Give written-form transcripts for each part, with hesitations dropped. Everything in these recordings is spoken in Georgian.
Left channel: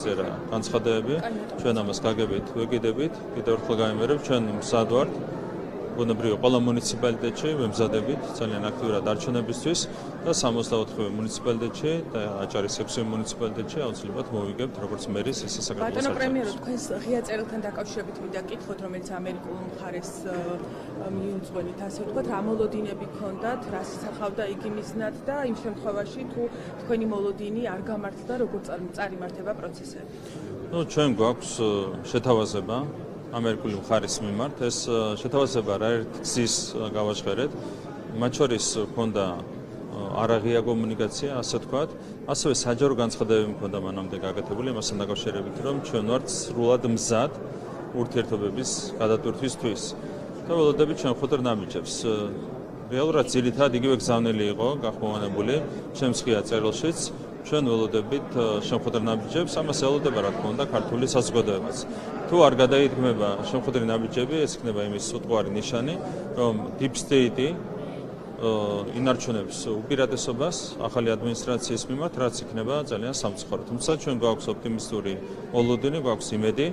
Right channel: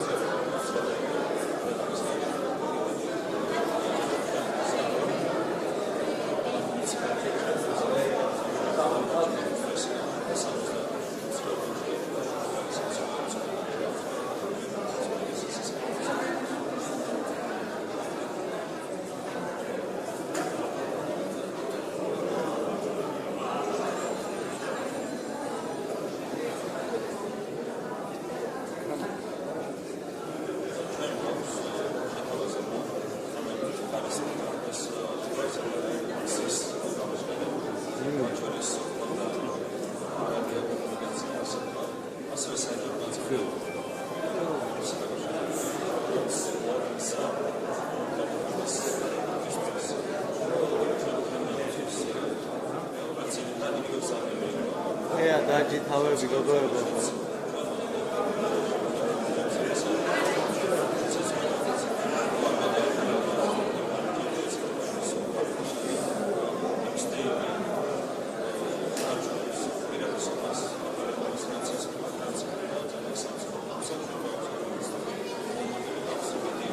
განცხადებები ჩვენ ამას გაგებით, ვიგიდებით, კიდევ უფრო გამიმერებ ჩვენ მზად ვარ ბუნებრივია ყველა მუნიციპალიტეტში მემზადებით ძალიან აქტიურად არჩევნებისთვის და 64 მუნიციპალიტეტში და აჭარის 6 მუნიციპალიტეტში აუცილებლად მოვიგებ როგორც მერის ისე საქართველოს პრემიერის ღია წერილთან დაკავშირებით და კითხოთ რომელიც ამერიკული ხარის გასაგებად ამოლოდინები ჰქონდათ ხავდა იგინისნად და იმ შემთხვევაში თქვენი მოლოდინი არ გამართდა როგორც წარიმართება პროცესი. ჩვენ გვაქვს შეთავაზება ამერიკული ხარის მიმართ ეს შეთავაზება რა გზის გავაჟღერეთ მათ შორის ჰქონდა არაღია კომუნიკაცია ასე ვთქვათ ასევე საჯარო განცხადებები ჰქონდა მანამდე გაკეთებული მასთან დაკავშირებით რომ ჩვენ ვართ სრულად მზად ურთიერთობების გადატვირთვისთვის და ველოდებით ჩვენ ხუთერ ნამიჯებს რეალურად ძირითადად იგივე გზავნილი იყო გაფორმებული ჩემს ღია წერილშიც ჩვენ ველოდებით შემოხვედრ ნამიჯებს ამას ელოდება რა თქმა უნდა ქართული საზოგადოებაც თუ არ გადაითმება შემოხვედრი ნამიჯები ეს იქნება იმის უყვარი ნიშანი რომ deep state ინარჩუნებს უპირატესობას ახალი ადმინისტრაციის მიმართ რაც იქნება ძალიან სამწუხარო თუმცა ჩვენ გვაქვს ოპტიმისტური მოლოდინი გვაქვს იმედი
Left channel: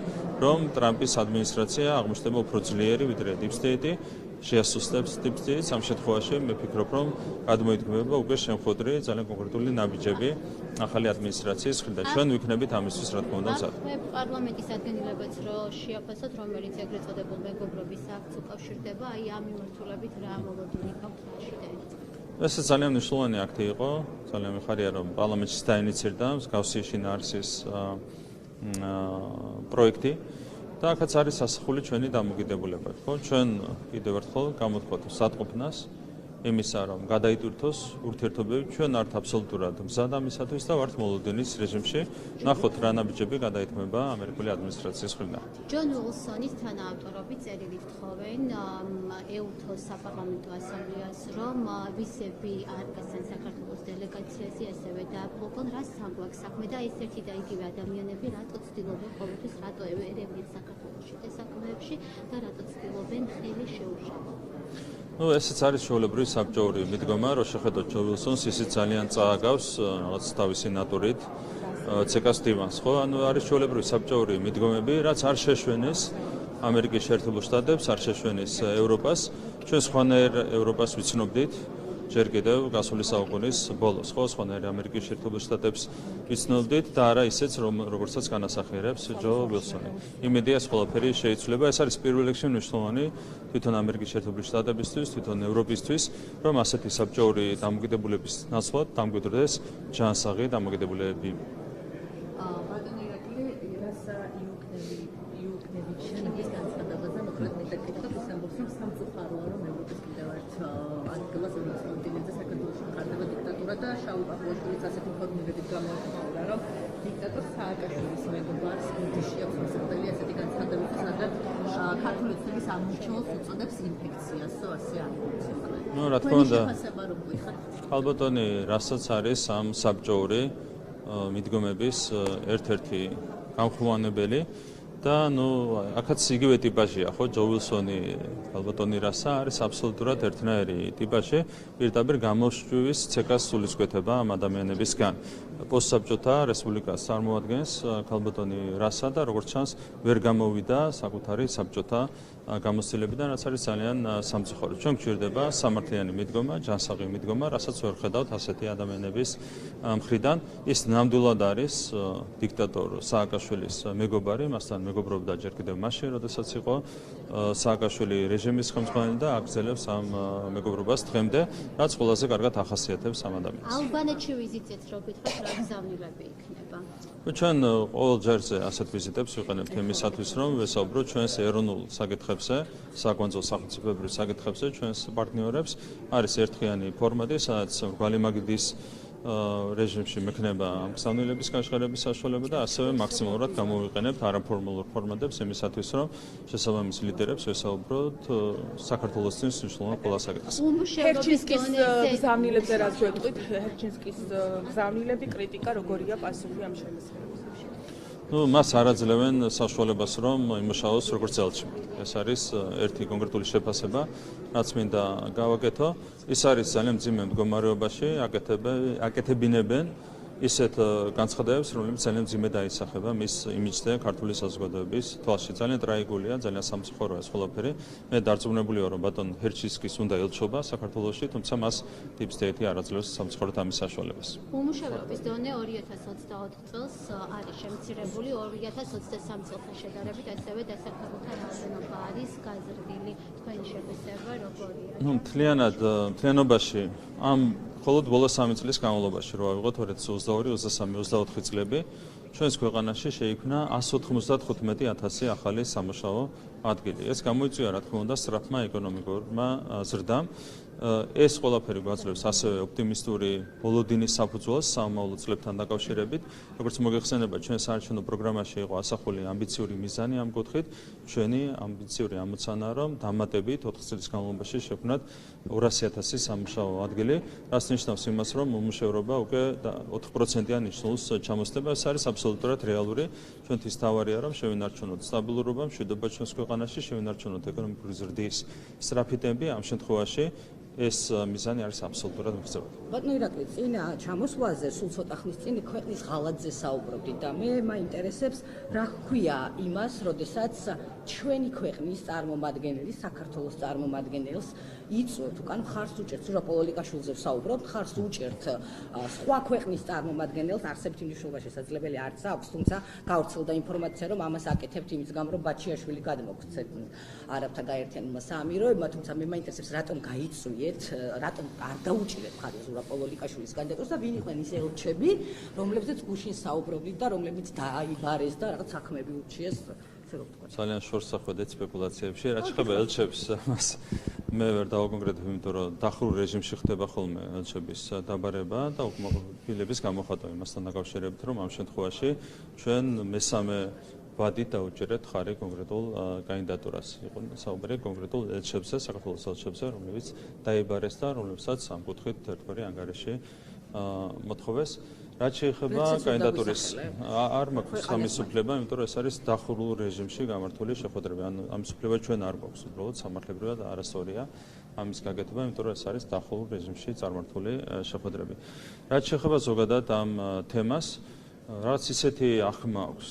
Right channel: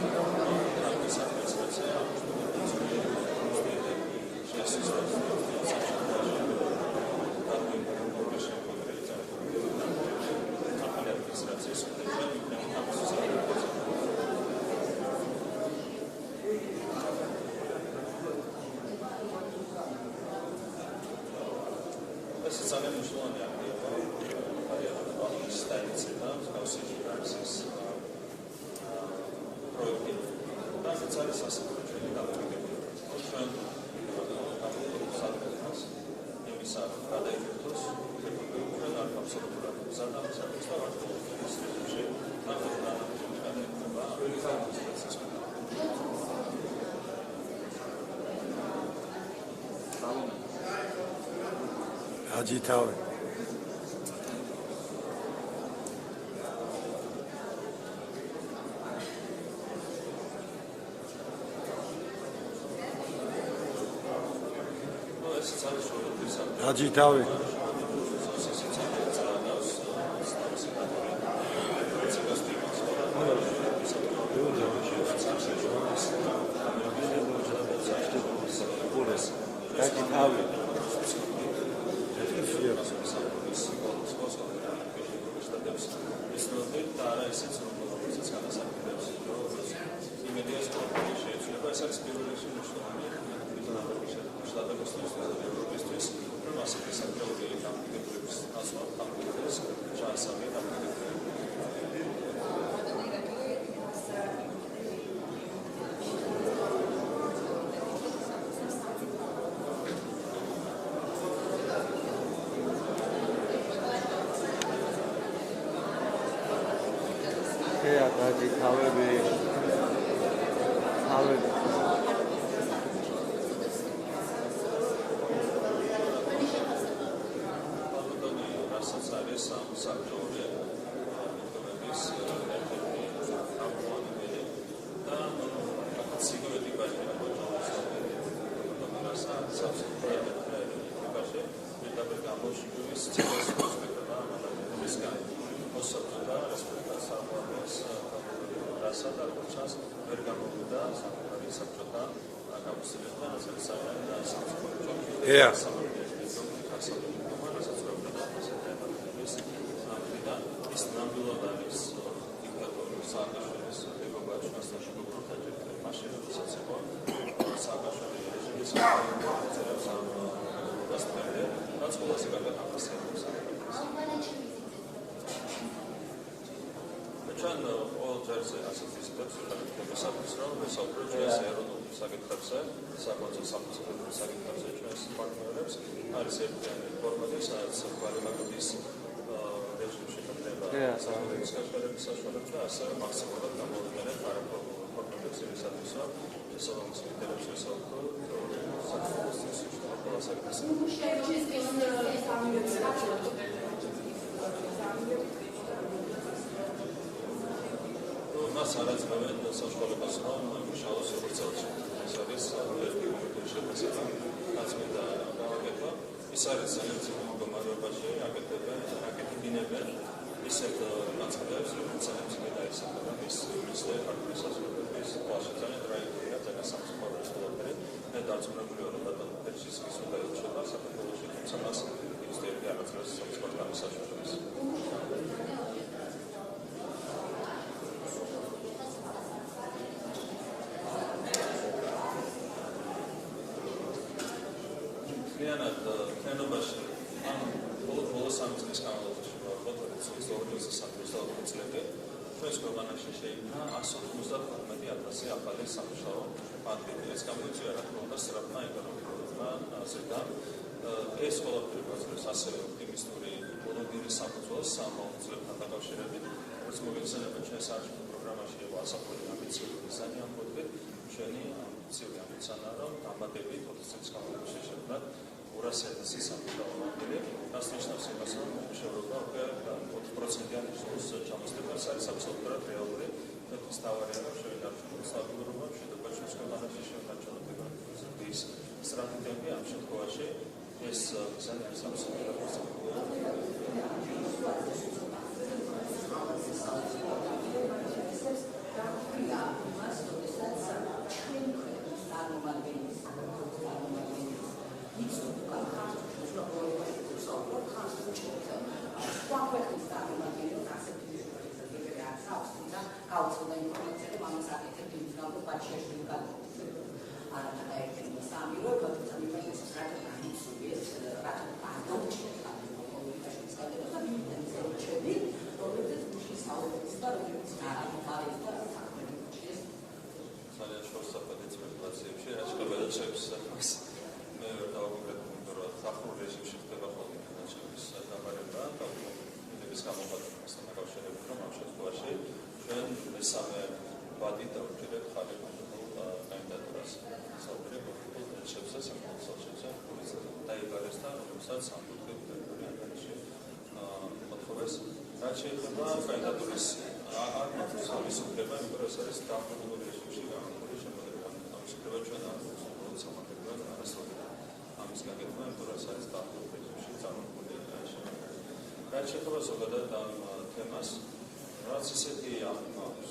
რომ ტრამპის ადმინისტრაცია აღმოჩნდება უფრო ძლიერი ვიდრე deep state შეასუსტებს deep state ამ შემთხვევაში მე ვფიქრობ რომ გადმოიდგება უკვე შემოხვედრი ძალიან კონკრეტული ნაბიჯები ახალი ადმინისტრაციის მხრიდან ჩვენ ვიქნებით ამისთვის რა თქმა უნდა მზად ეს ძალიან მნიშვნელოვანი აქტი იყო ძალიან მიხარია რომ პარლამენტში დაინიცირდა მსგავსი შინაარსის პროექტი და ახაც არის ასახული ჩვენი დამოკიდებულება ხო ჩვენ კიდევ ერთხელ გამოვხოთ სათქმნას იმისა რომ გადაიტვირთოს ურთიერთობები ჩვენ ართ აბსოლუტურად მზად ამისათვის და ვართ მოლოდინის რეჟიმში ნახოთ რა ნაბიჯები გადაითმება ამერიკული ადმინისტრაციის მხრიდან ჯონ უილსონის თანამდებობით წერილით თხოვენ ეუთოს საპარლამენტო ასამბლეას რომ აჯითავი ну ესეც არის ჩვეულებრივი საბჭოური მიდგომა რომ შეხედოთ ჯონ უილსონს ისიც ძალიან წააგავს თავისი ნატურით ცეკას დივანს ხო ანუ არის ჩვეულებრივი საბჭოური მიდგომები რაც არ შეშვენეს ამერიკის შეერთებულ შტატებს არ შეშვენეს ევროპას ჩვენ სხვანაირ ევროპას ვიცნობდით ჯერ კიდევ გასული საუკუნის ბოლოს ხო სხვანაირ ამერიკის შეერთებულ შტატებს ვიცნობდით და არა ისეც როგორცაც განასახიერებს ჯო უილსონი იმედია ეს ყველაფერი შეიცვლება ეს არის პირველ რიგში მნიშვნელოვანი თვითონ ამერიკის შეერთებული შტატებისთვის, თვითონ ევროპისთვის, რომ ასეთი საბჭოური დამოკიდებულების ნაცვლად დამკვიდრდეს ჯანსაღი დამოკიდებულება. ალბათონი რასაც არის ამ საბჭოური მიდგომების ერთ-ერთი გამხმოვანებელი და ნუ აქაც იგივე ტიპაჟია ხო ჯო უილსონი ალბათონი რასა არის აბსოლუტურად ერთნაირი ტიპაჟი პირდაპირ გამოშვების ცეკას სულისკვეთება ამ ადამიანებისგან პოსტსაბჭოთა რესპუბლიკას წარმოადგენს ალბათონი რასა და როგორც ჩანს ვერ გამოვიდა საკუთარი საბჭოთა გამოცდილებიდან რაც არის ძალიან სამწუხარო. ჩვენ გვჭირდება სამართლიანი მიდგომა, ჯანსაღი მიდგომა, რასაც ვერ ხედავთ ასეთი ადამიანების მხრიდან. ის ნამდვილად არის დიქტატორ სააკაშვილის მეგობარი, მასთან მეგობრობდა ჯერ კიდევ მაშინ, როდესაც იყო სააკაშვილი რეჟიმის ხელმძღვანელი და აგრძელებს ამ მეგობრობას დღემდე, რაც ყველაზე კარგად ახასიათებს ამ ადამიანს. ალბანეთში ვიზიტით როდესაც რა გზავნებები ჩვენ ყოველ ჯერზე ასეთ ვიზიტებს ვიყენებთ იმისათვის, რომ ვესაუბროთ ჩვენს ეროვნულ საკითხებზე, საკონსულო სახელმწიფოებრივ საკითხებზე, ჩვენს პარტნიორებს. არის ერთდღიანი ფორმატი, სადაც ვალიმაგდის რეჟიმში მექნება გზავნილების გაშღერების საშუალება და ასევე მაქსიმალურად გამოვიყენებთ არაფორმალურ ფორმატებს იმისათვის, რომ შესაბამის ლიდერებს ვესაუბროთ საქართველოსთვის მნიშვნელოვან ყველა საკითხზე. ჰერჩინსკის გზავნილებზე რაც ვეტყვით, ჰერჩინსკის გზავნილები კრიტიკა როგორია პასუხი ამ შემთხვევაში? ну მას არაძლევენ საშუალებას რომ იმუშაოს როგორც ელჩი. ეს არის ერთი კონკრეტული შეფასება, რაც მინდა გავაკეთო. ის არის ძალიან მძიმე მდგომარეობაში, აკეთებინებენ ისეთ განცხადებებს, რომელიც ძალიან მძიმედ აისახება მის იმიჯს და ქართული საზოგადოების თვალში. ძალიან ტრაგიკულია, ძალიან სამწუხაროა ეს ყველაფერი. მე დარწმუნებული ვარ, რომ ბატონ ჰერჩისკის უნდა ელჩობა საქართველოში, თუმცა მას Deep State არ აძლევს სამწუხაროდ ამის საშუალებას. უმუშევრობის დონე 2024 წელს არის შემცირებული 2023 წელს შედარებით, ასევე დასახლებულება არის განხილული თქვენი შემოსება როგორ მთლიანობაში ამ მხოლოდ ბოლო 3 წლის განმავლობაში რო ავიღოთ 2022, 23, 24 წლები ჩვენს ქვეყანაში შეიქმნა 195,000 ახალი სამუშაო ადგილი. ეს გამოიწვია რა თქმა უნდა სწრაფმა ეკონომიკურმა ზრდამ. ეს ყველაფერი გვაძლევს ასევე ოპტიმისტური ბოლოდინის საფუძველს სამომავლო წლებთან დაკავშირებით. როგორც მოგეხსენება, ჩვენ საარჩევნო პროგრამაში იყო ასახული ამბიციური მიზანი ამ კუთხით. ჩვენი ამბიციური ამოცანა, რომ დამატებით 4 წლის განმავლობაში შექმნათ 200,000 სამუშაო ადგილი, რაც ნიშნავს იმას, რომ უმუშევრობა უკვე 4%-იან ნიშნულს ჩამოსდება. ეს არის აბსოლუტურად რეალური. ჩვენთვის თავარია, რომ შევინარჩუნოთ სტაბილურობა, მშვიდობა ჩვენს ქვეყანაში, შევინარჩუნოთ ეკონომიკური ზრდის სწრაფი ტემპი. ამ შემთხვევაში ეს მიზანი არის აბსოლუტურად მიღწეული. ბატონო ირაკლი, წინა ჩამოსვლაზე სულ ცოტა ხნის წინ ქვეყნის ღალატზე საუბრობდი და მე მაინტერესებს რა ქვია იმას, როდესაც ჩვენი ქვეყნის წარმომადგენელი, საქართველოს წარმომადგენელს იწვევთ, უკან ხარს უჭერთ, ზურაბ ოლიგაშვილზე ვსაუბრობ, ხარს უჭერთ სხვა ქვეყნის წარმომადგენელს, არსებითი მნიშვნელობა შესაძლებელი არც აქვს, თუმცა გავრცელდა ინფორმაცია, რომ ამას აკეთებთ იმის გამო, რომ ბაჩიაშვილი გადმოგვცეთ არაბთა გაერთიანებმა საამიროებმა, თუმცა მე მაინტერესებს, რატომ გაიწვიეთ, რატომ არ დაუჭირეთ ხარს ზურაბ ოლიგაშვილის გადაწყვეტას და ვინ იყვნენ ის ელჩები, რომლებზეც გუშინ საუბრობდით და რომლებიც დაიბარეს და რაღაც საქმეები ურჩიეს. ძალიან შორსახვედე სპეკულაციებში, რაც შეეხება ელჩებს, მას მე ვერ დავაკონკრეტებ, იმიტომ რომ დახურულ რეჟიმში ხდება ხოლმე ელჩების დაბარება და უკმაყოფილების გამოხატვა იმასთან დაკავშირებით, რომ ამ შემთხვევაში ჩვენ მესამე ვადით დაუჭერეთ ხარი კონკრეტულ კანდიდატურას. საუბარი კონკრეტულ ელჩებზე, საქართველოს ელჩებზე, რომელიც დაიბარეს და რომლებსაც ამ კუთხით თერფერი ანგარიში მოთხოვეს. რაც შეეხება კანდიდატურის არ მაქვს ამის უფლება, იმიტომ რომ ეს არის დახურულ რეჟიმში გამართული შეხვედრები. ამის უფლება ჩვენ არ გვაქვს, უბრალოდ სამართლებრივად არასწორია ამის გაკეთება, იმიტომ რომ ეს არის დახურულ რეჟიმში წარმართული შეხვედრები. რაც შეეხება ზოგადად ამ თემას, რაც ისეთი ახმა აქვს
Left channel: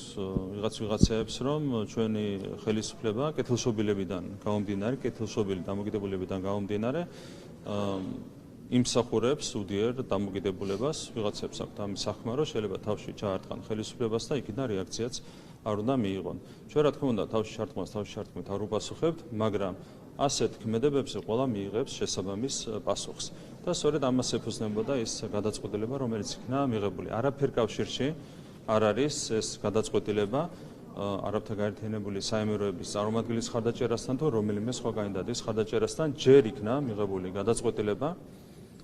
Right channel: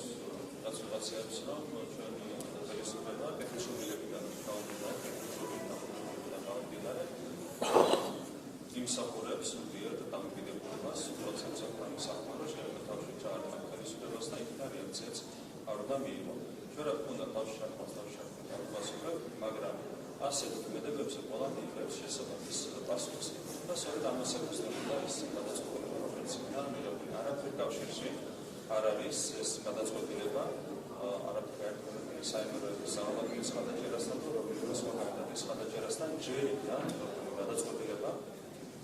ვიღაცეებს, რომ ჩვენი ხელისუფლება კეთილშობილებიდან გამომდინარე, კეთილშობილი დამოკიდებულებიდან გამომდინარე იმსახურებს უდიერ დამოკიდებულებას ვიღაცებს აქვთ ამის სახმა, რომ შეიძლება თავში ჩაარტყან ხელისუფლებას და იქიდან რეაქციაც არ უნდა მიიღონ. ჩვენ რა თქმა უნდა თავში შარტყმით არ უპასუხებთ, მაგრამ ასეთ ქმედებებზე ყველა მიიღებს შესაბამის პასუხს. და სწორედ ამას ეფუძნებოდა ის გადაწყვეტილება, რომელიც იქნა მიღებული. არაფერ კავშირში არ არის ეს გადაწყვეტილება არაბთა გაერთიანებული საამიროების წარმომადგენლის ხარდაჭერასთან თუ რომელიმე სხვა კანდიდატის ხარდაჭერასთან. ჯერ იქნა მიღებული გადაწყვეტილება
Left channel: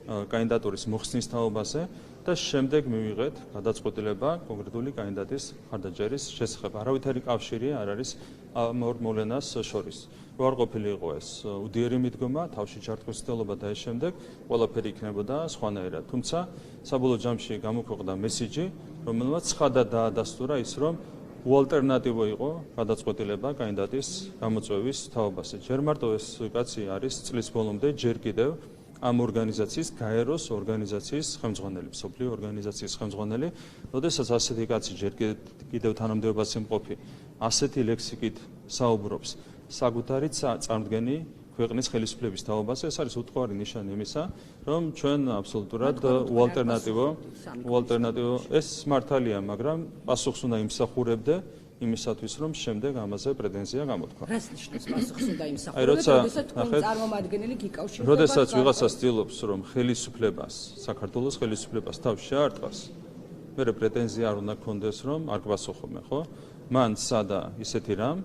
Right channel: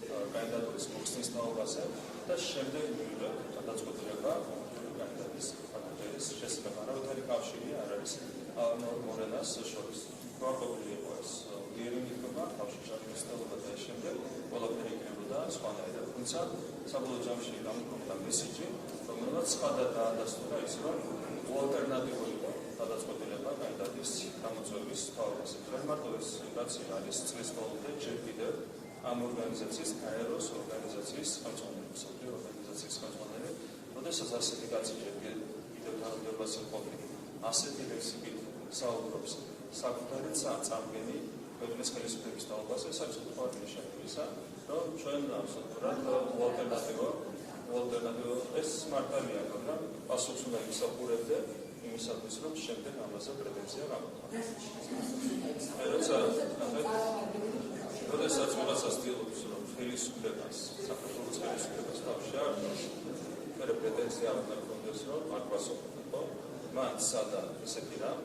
კანდიდატურის მოხსნის თაობაზე და შემდეგ მივიღეთ გადაწყვეტილება კონკრეტული კანდიდატის ხარდაჭერის შესახებ. არავითარი კავშირი არ არის ამ ორ მოვლენას შორის. უარყოფილი იყო ეს უდიერი მიდგომა, თავში ჩართვის ცდელობა და ეს შემდეგ ყველაფერი იქნებოდა სხვანაირად. თუმცა საბოლოო ჯამში გამოქვეყნდა მესიჯი, რომელმაც ცხადად დაადასტურა ის, რომ უალტერნატივო იყო გადაწყვეტილება კანდიდატის გამოწვევის თაობაზე. ჯერ მარტო ეს კაცი არის წლის ბოლომდე ჯერ კიდევ ამ ორგანიზაციის, გაეროს ორგანიზაციის ხელმძღვანელი, მსოფლიო ორგანიზაციის ხელმძღვანელი, როდესაც ასეთი კაცი ჯერ კიდევ თანამდებობაში მყოფი, ასეთი ლექსიკით საუბრობს საკუთარი წარმდგენი ქვეყნის ხელისუფლების თაობაზე, ეს არის უთხოვარი ნიშანი იმისა, რომ ჩვენ აბსოლუტურად უალტერნატივო ეს მართალია, მაგრამ პასუხს უნდა იმსახურებდე იმისათვის, რომ შემდეგ ამაზე პრეტენზია გამოთქვა. რას ნიშნავს პასუხს უნდა იმსახურებდე, წარმომადგენელი გიკავშირდება. როდესაც ვიღაცა ცდილობს, რომ ხელისუფლებას, საქართველოს ხელისუფლებას თავში შეარტყას, მერე პრეტენზია არ უნდა გქონდეს, რომ არ გვასახობენ, ხო? მან სადა ისეთი რამ,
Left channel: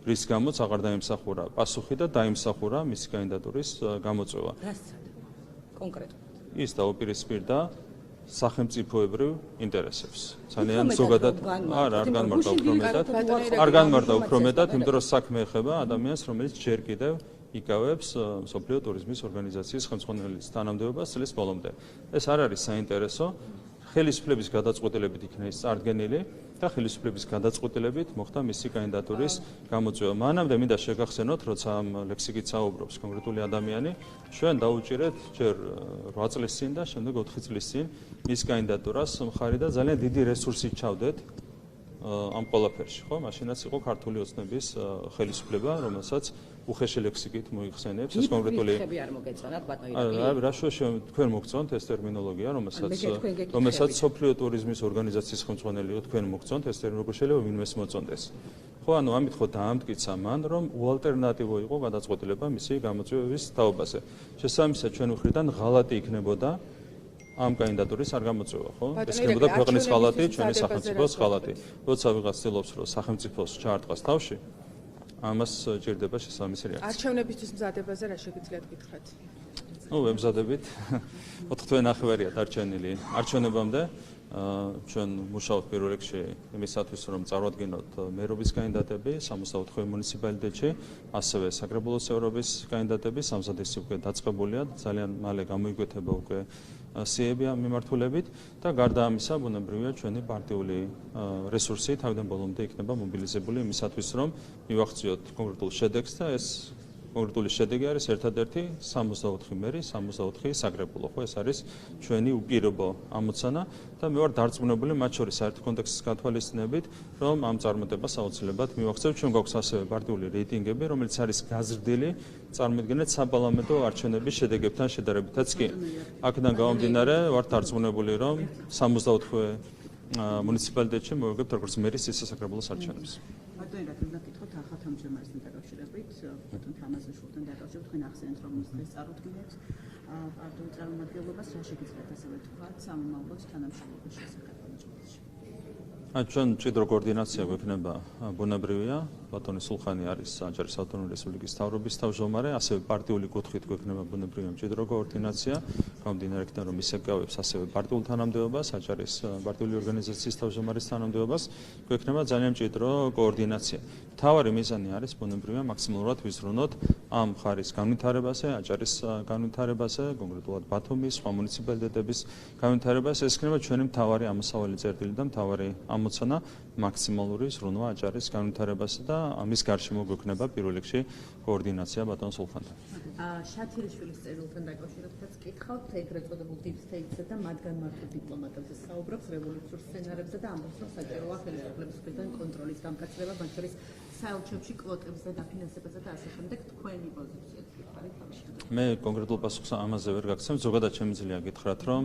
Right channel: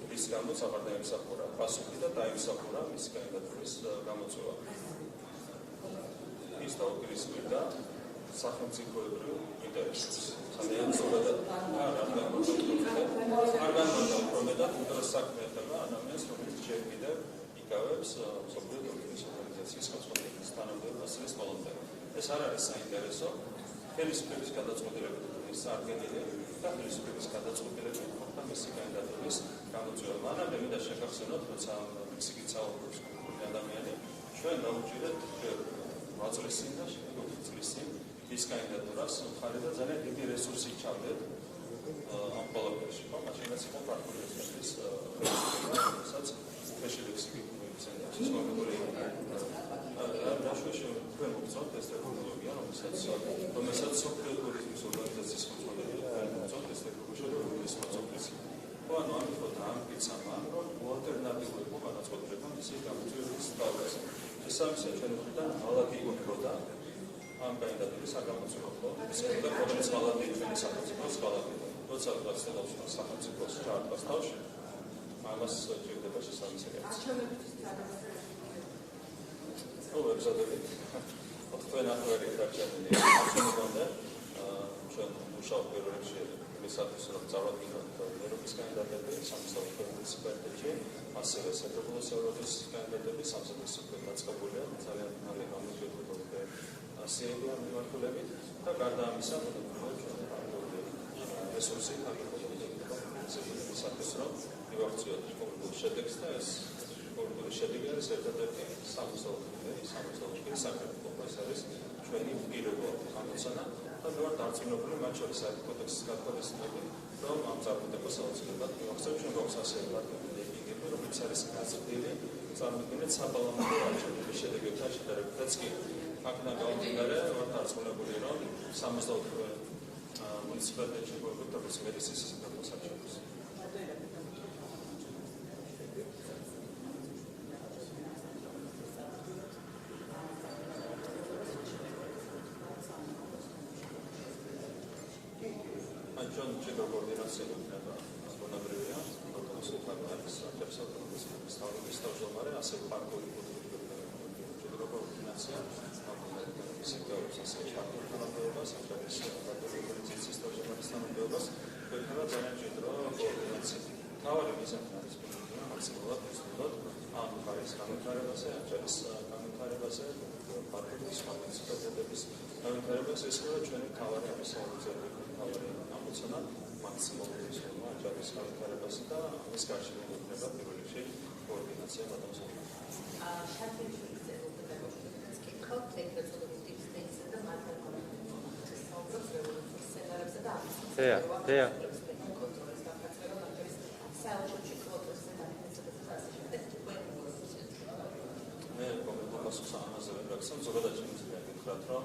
რის გამოც აღარ დაიმსახურა პასუხი და დაიმსახურა მისი კანდიდატურის გამოწვევა. კონკრეტულად ის დაუპირისპირდა სახელმწიფოებრივ ინტერესებს. ძალიან ზოგადად არ განმარტა უფრო მეტად, იმიტომ რომ საქმე ეხება ადამიანს, რომელიც ჯერ კიდევ იკავებს მსოფლიო ტურიზმის ორგანიზაციის ხელმძღვანელის თანამდებობას წლის ბოლომდე. ეს არ არის საინტერესო, ხელისუფლების გადაწყვეტილებით იქნა ის წარდგენილი და ხელისუფლების გადაწყვეტილებით მოხდა მისი კანდიდატურის გამოწვევა. მანამდე მინდა შეგახსენოთ, როცა ამ ლექსიკით საუბრობს კონკრეტული ადამიანი, ჩვენ დაუჭირეთ ჯერ 8 წლის წინ და შემდეგ 4 წლის წინ მის კანდიდატურას მხარი და ძალიან დიდი რესურსი ჩავდეთ ამ ყველაფერში, ხო? მაშინაც იყო ქართული ოცნების ხელისუფლება, რომელსაც უხეში ლექსიკით მოიხსენებს ეს კონკრეტული რა შუაში თქვენ მოგწონთ ეს ტერმინოლოგია, რომელსაც სოფლიო ტურიზმის ორგანიზაციის ხელმძღვანელი თქვენ მოგწონთ ეს ტერმინოლოგია შეიძლება ვინმეს მოწონდეს. ხო, ანუ ამით ხო დაამტკიცა მან, რომ უალტერნატივო იყო გადაწყვეტილება მისი გამოწვევის თაობაზე. შესაბამისად, ჩვენ მხრიდან ღალატი იქნებოდა ამ კანდიდატურის არ გამოწვევა, ხო? ეს იქნებოდა ქვეყნის ღალატი, ჩვენი სახელმწიფოს ღალატი. როცა ვიღაც ცდილობს, რომ სახელმწიფოს ჩაარტყას თავში, ამას ჭირდება შესაბამისი რეაქცია. არჩევნებისთვის მზადებაზე რა შეგიძლიათ გითხრათ? ვემზადებით. 4-9-ვერია დარჩენილი არჩევნებამდე. ჩვენ მუშაობთ პირველ რიგში იმისათვის, რომ წარვადგინოთ მერობის კანდიდატები 64 მუნიციპალიტეტში, ასევე საკრებულოს ევროპის კანდიდატები, სამზადისი უკვე დაწყებულია, ძალიან მალე გამოიკვეთება უკვე სიები ამ მიმართულებით და გარდა ამისა, ბუნებრივია ჩვენი პარტიული რესურსი თავიდან ბოლომდე იქნება მობილიზებული იმისათვის, რომ მივახციოთ კონკრეტულ შედეგს და ეს კონკრეტული შედეგი არის ერთადერთი 64 მერი, 64 საკრებულო, ხო, ეს არის ჩვენი უპირობო ამოცანა და მე ვარ დარწმუნებული მათ შორის საერთო კონტექსტის გათვალისწინებით, რომ ამ წარმატებას აუცილებლად მივახცევთ. ჩვენ გვაქვს ასევე პარტიული რეიტინგები, რომელიც არის გაზრდილი წარმოიდგინეთ საპარლამენტო არჩევნების შედეგებთან შედარებითაც კი. აქედან გამომდინარე, ვარ დარწმუნებული, რომ 64 მუნიციპალიტეტში მოვიგებთ როგორც მერის, ისე საკრებულოს არჩევნებს. ჩვენ მჭიდრო კოორდინაცია გვექნება ბუნებრივია, ბატონი სულხანი არის აჭარის ავტონომიური რესპუბლიკის მთავრობის თავმჯდომარე, ასევე პარტიული კუთხით გვექნება ბუნებრივია მჭიდრო კოორდინაცია, გამომდინარე იქიდან რომ ის ეკავებს ასევე პარტიულ თანამდებობას, აჭარის პარტიული ორგანიზაციის თავმჯდომარის თანამდებობას, გვექნება ძალიან მჭიდრო კოორდინაცია. მთავარი მიზანი არის ბუნებრივია მაქსიმალურად ვიზრუნოთ ამ მხარის განვითარებაზე, აჭარის განვითარებაზე, კონკრეტულად ბათუმის, სხვა მუნიციპალიტეტების განვითარებაზე. ეს იქნება ჩვენი მთავარი ამოსავალი წერტილი და მთავარი ამოცანა მაქსიმალური ზრუნვა აჭარის განვითარებაზე და ამის გარშემო გვექნება პირველ რიგში კოორდინაცია ბატონ სულხანთან. შაქირიშვილის წერილთან დაკავშირებით კითხავთ ეგრეთ წოდებულ deep state-ზე და მათგან დიპლომატებზე საუბრობთ რევოლუციურ სცენარებზე და ამის კონტროლის გამკაცრება მათ შორის საელჩებში კვოტებზე დაფინანსებაზე და ასე შემდეგ თქვენი პოზიცია. მე კონკრეტულ პასუხს ამაზე ვერ გაგცემ, ზოგადად შემიძლია გითხრათ, რომ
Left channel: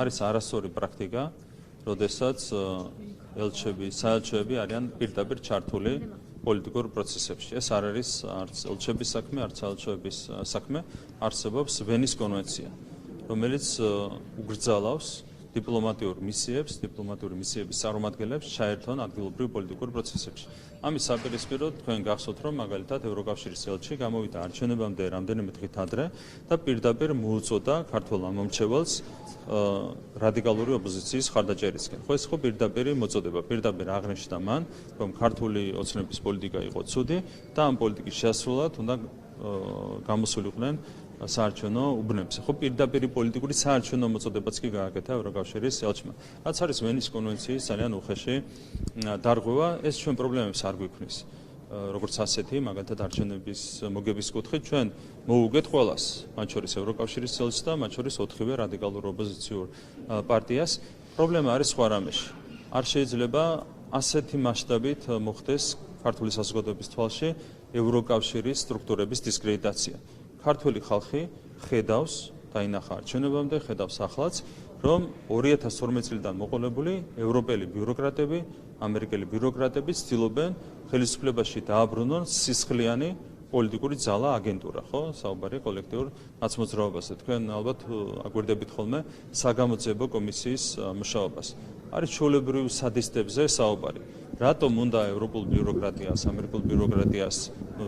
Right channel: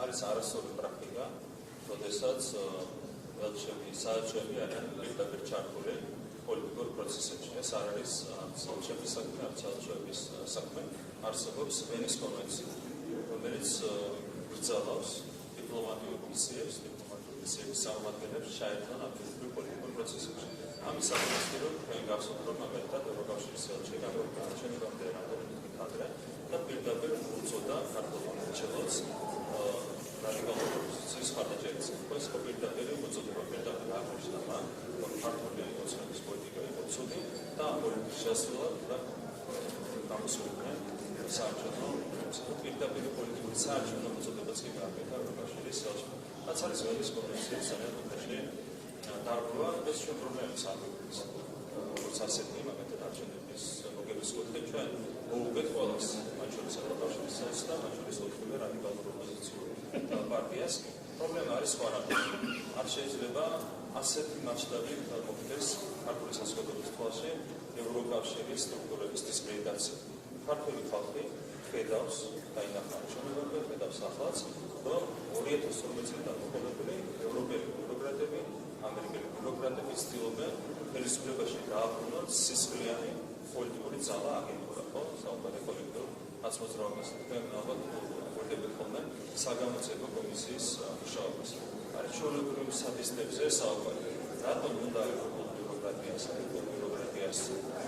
არის არასწორი პრაქტიკა, როდესაც ელჩები, საელჩოები არიან პირდაპირ ჩართული პოლიტიკურ პროცესებში. ეს არ არის არც ელჩების საქმე, არც საელჩოების საქმე, არსებობს ვენის კონვენცია, რომელიც გრძალავს დიპლომატიურ მისიების წარმომადგენლებს ჩაერთონ ადგილობრივ პოლიტიკურ პროცესებში. ამის საპირისპიროდ თქვენ გახსოვთ, რომ მაგალითად ევროკავშირის ელჩი გამოვიდა არჩევნებამდე რამდენიმე დღით ადრე და პირდაპირ მოუწოდა ქართველ ამომრჩეველს რადიკალური ოპოზიციის ხარდაჭერისკენ. ხო, ეს ხო პირდაპირ მოწოდება, პირდაპირ აღნიშნა მან, რომ ქართული ოცნების პოლიტიკა იყო ცუდი და ამ პოლიტიკის შესრულად უნდა გამოსულიყვნენ საარჩევნო უბნებზე. ხო, პირდაპირ პოლიტიკური საარჩევნო მოწოდებაც კი გააკეთა ევროკავშირის ელჩმა. რაც არის ვენის კონვენციის ძალიან უხეში დარღვევა, ეს ჩვენ პრობლემებს არ გვიქმნის. როგორც ასეთი, მაგალითად არჩევნების მოგების კუთხით ჩვენ მოუგეთ ყველას, მათ შორის ევროკავშირის ელჩს და მათ შორის 4-ვე რადიკალურ ოპოზიციურ პარტიას. პრობლემა არის სხვა რამეში. არ შეიძლება ასეთი მასშტაბით მოხდეს ქართული საზოგადოების თვალში ევროკავშირის სტრუქტურების დისკრედიტაცია. ქართული ხალხი ხედავს, დაინახა არჩევნებამდე, ხედავს ახლაც, რომ 2012 წლიდან მოყოლებული ევროპელი ბიუროკრატები, ამერიკელი ბიუროკრატები ცდილობენ ხელისუფლებაში დააბრუნონ სისხლიანი პოლიტიკური ძალა აგენტურა, ხო? საუბარი კოლექტიურ ნაცმოძრაობაზე. თქვენ ალბათ აგვირდებით ხოლმე საგამოძიებო კომისიის მუშაობას. არის ჩვეულებრივ სადისტებზე საუბარი. რატომ უნდა ევროპულ ბიუროკრატიას, ამერიკულ ბიუროკრატიას,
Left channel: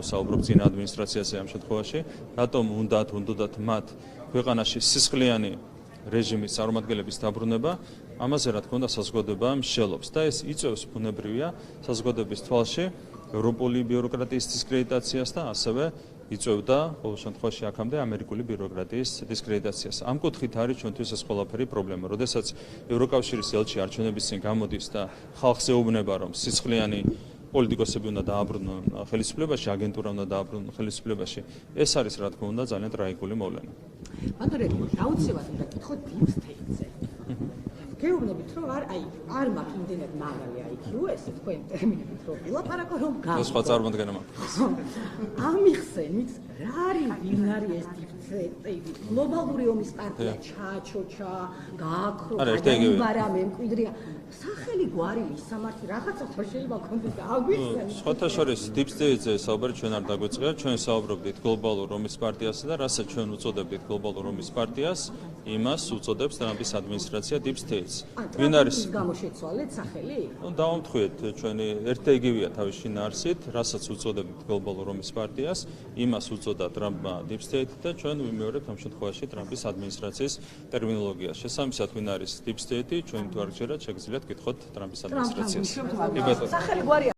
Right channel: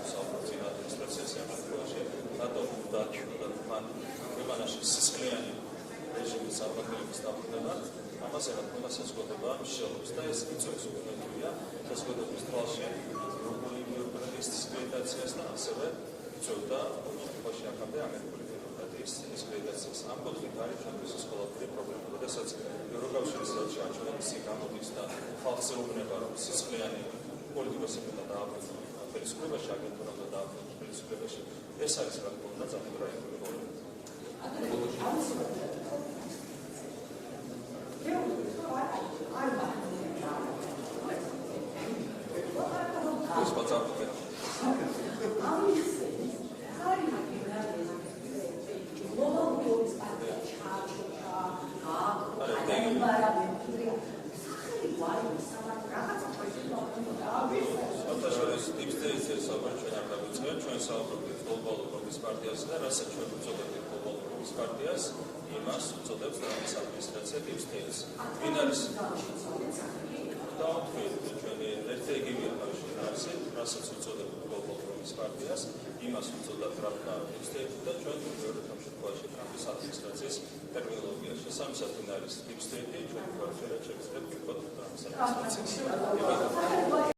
საუბრობ წინა ადმინისტრაციაზე ამ შემთხვევაში, რატომ უნდათ მათ ქვეყანაში სისხლიანი რეჟიმის წარმომადგენლების დაბრუნება? ამაზე რა თქმა უნდა საზოგადოება მსჯელობს და ეს იწვევს ბუნებრივია საზოგადოების თვალში ევროპული ბიუროკრატიის დისკრედიტაციას და ასევე იწვევდა ყოველ შემთხვევაში აქამდე ამერიკული ბიუროკრატიის დისკრედიტაციას. ამ კუთხით არის ჩვენთვის ეს ყველაფერი პრობლემა. როდესაც ევროკავშირის ელჩი არჩევნების წინ გამოდის და ხალხს ეუბნება, რომ სისხლიანი პოლიტიკოსები უნდა დააბრუნონ ხელისუფლებაში, აგენტურა უნდა დააბრუნონ ხელისუფლებაში, ეს არის რა თქმა უნდა ძალიან ტრაგიკული მოვლენა. გეუბნებით რომ არ მაქვს იმდენად მაღალი IQ ეს თქვენ ლაპარაკობ რომ ეს სხვა წარმოდგენა ამ მიხსენით რა არის ეს გლობალური ომის პარტია ჩააჩოჩა, გააქრო, გადაიბარა, მემკვიდრია. სახელი გვარი მისამართი რაღაცა შეიძლება ქონდეს აგვიხსენოთ. სხვათა შორის deep state-ზე საუბარი ჩვენ არ დაგვეწყია, ჩვენ საუბრობთ გლობალურ ომის პარტიასა და რასაც ჩვენ უწოდებთ გლობალურ ომის პარტიას, იმას უწოდებს ტრამპის ადმინისტრაცია deep state-ს. ვინ არის გამოშეცვალეთ სახელი? დავუთქვით ჩვენი ერთ და იგივეა თავის შინაარსით, რასაც უწოდებთ გლობალურ ომის პარტიას, იმას უწოდა ტრამპმა deep state და ჩვენ ვიმეორებთ ამ შემთხვევაში ტრამპის ადმინისტრაციის ტერმინოლოგიას. შესაბამისად, ვინ არის deep state-ი, ჩვენ თუ არ ξέρათ, შეგიძლიათ გითხოთ ტრამპის ადმინისტრაციას. სახელი გვარი